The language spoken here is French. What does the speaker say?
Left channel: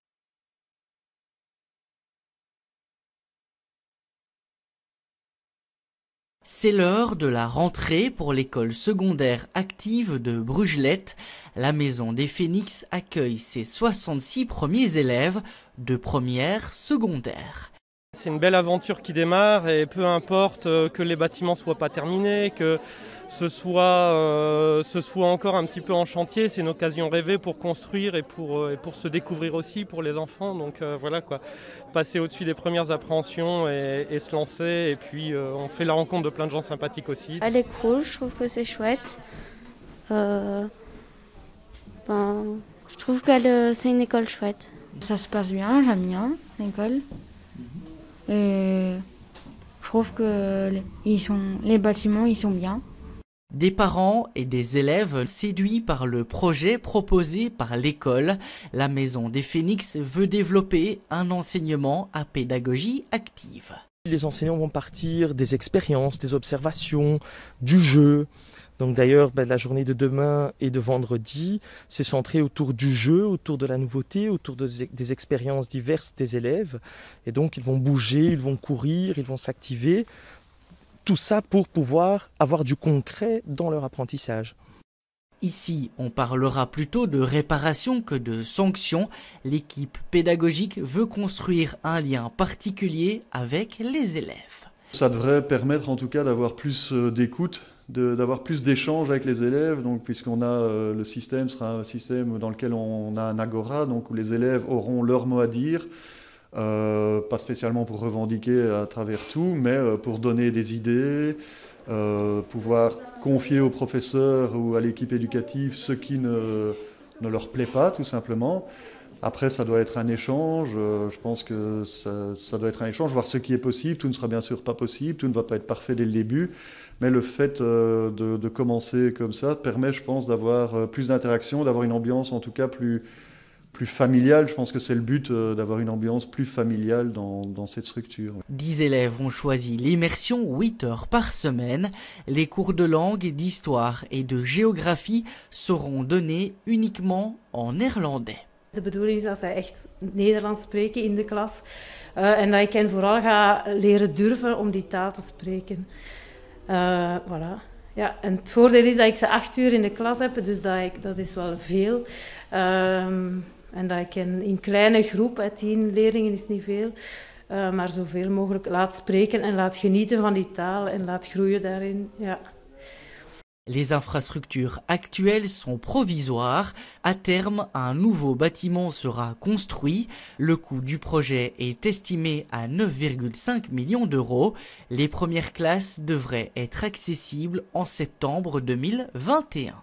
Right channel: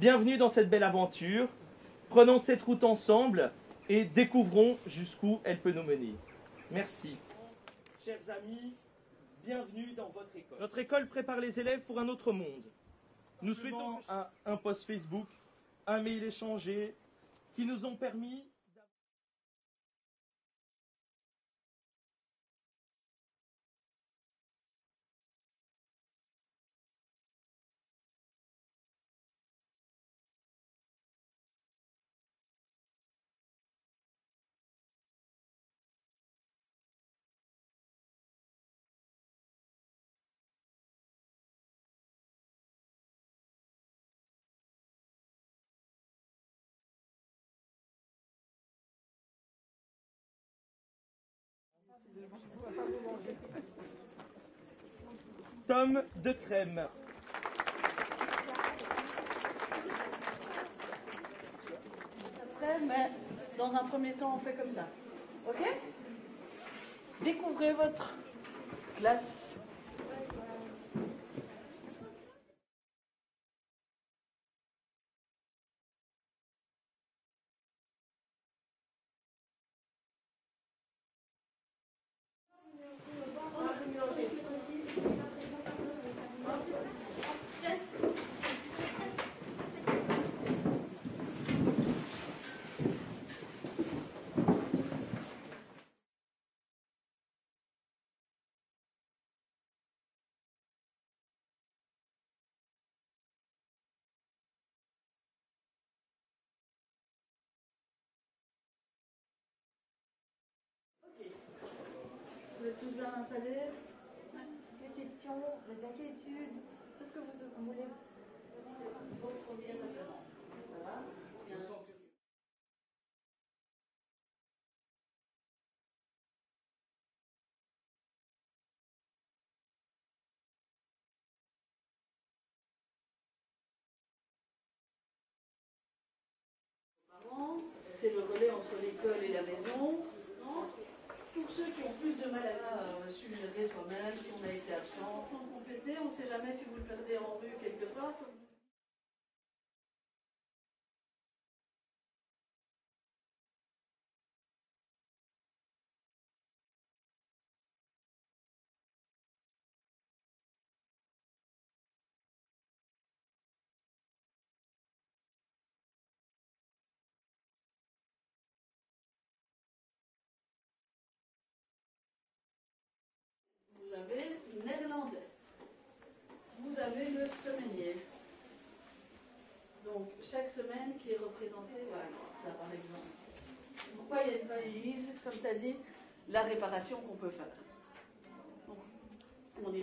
Bienvenue dans cette belle aventure. Prenons cette route ensemble et découvrons jusqu'où elle peut nous mener. C'est l'heure de la rentrée pour l'école secondaire active de Brugelette. La Maison des Phénix accueille ses 66 premiers élèves de première secondaire. C'est une belle aventure qui démarre et peu importe que les bâtiments ne soient pas terminés, que ce soit encore un petit peu en chantier, c'est une occasion rêvée pour construire et pour se découvrir aussi pour les enfants. Donc voilà quoi, passer au-dessus des premières appréhensions et se lancer. Et puis on fait la rencontre de plein de gens sympathiques aussi. Elle est cool, je trouve que c'est chouette. Je trouve que c'est une école chouette. Ça se passe bien, j'aime bien l'école. Et je trouve que les bâtiments ils sont bien. Des parents et des élèves séduits par le projet proposé par l'école, la Maison des Phénix veut développer un enseignement à pédagogie active. Les enseignants vont partir des expériences, des observations, du jeu. Donc d'ailleurs, la journée de demain et de vendredi, c'est centré autour du jeu, autour de la nouveauté, autour des expériences diverses des élèves. Et donc ils vont bouger, ils vont courir, ils vont s'activer. Tout ça pour pouvoir avoir du concret dans leur apprentissage. Ici, on parlera plutôt de réparation que de sanction. L'équipe pédagogique veut construire un lien particulier avec les élèves. Ça devrait permettre en tout cas d'avoir plus d'écoute, d'avoir plus d'échanges avec les élèves, donc, puisqu'on a le système sera un système dans lequel on a un agora, donc où les élèves auront leur mot à dire. Pas spécialement pour revendiquer à travers tout, mais pour donner des idées, pouvoir confier aux professeurs ou à l'équipe éducative ce qui ne leur plaît pas, tout simplement. Après, ça doit être un échange, je pense que ça doit être un échange, voir ce qui est possible. Tout ne sera bien sûr pas possible, tout ne va pas être parfait dès le début, mais le fait de commencer comme ça permet, je pense, d'avoir plus d'interaction, d'avoir une ambiance en tout cas plus familiale. Je pense que c'est le but, d'avoir une ambiance plus familiale dans cette structure. 10 élèves ont choisi l'immersion 8 heures par semaine. Les cours de langue, d'histoire et de géographie seront donnés uniquement en néerlandais. De bedoeling is dat zij echt Nederlands spreken in de klas en dat ik hen vooral ga leren durven om die taal te spreken. Voilà. Ja, en het voordeel is dat ik ze 8 uur in de klas heb, dus dat is wel veel. En dat ik hen in kleine groep, 10 leerlingen is niet veel, maar zoveel mogelijk laat spreken en laat genieten van die taal en laat groeien daarin. Ja. Les infrastructures actuelles sont provisoires. À terme, un nouveau bâtiment sera construit. Le coût du projet est estimé à 9,5 millions d'euros. Les premières classes devraient être accessibles en septembre 2021.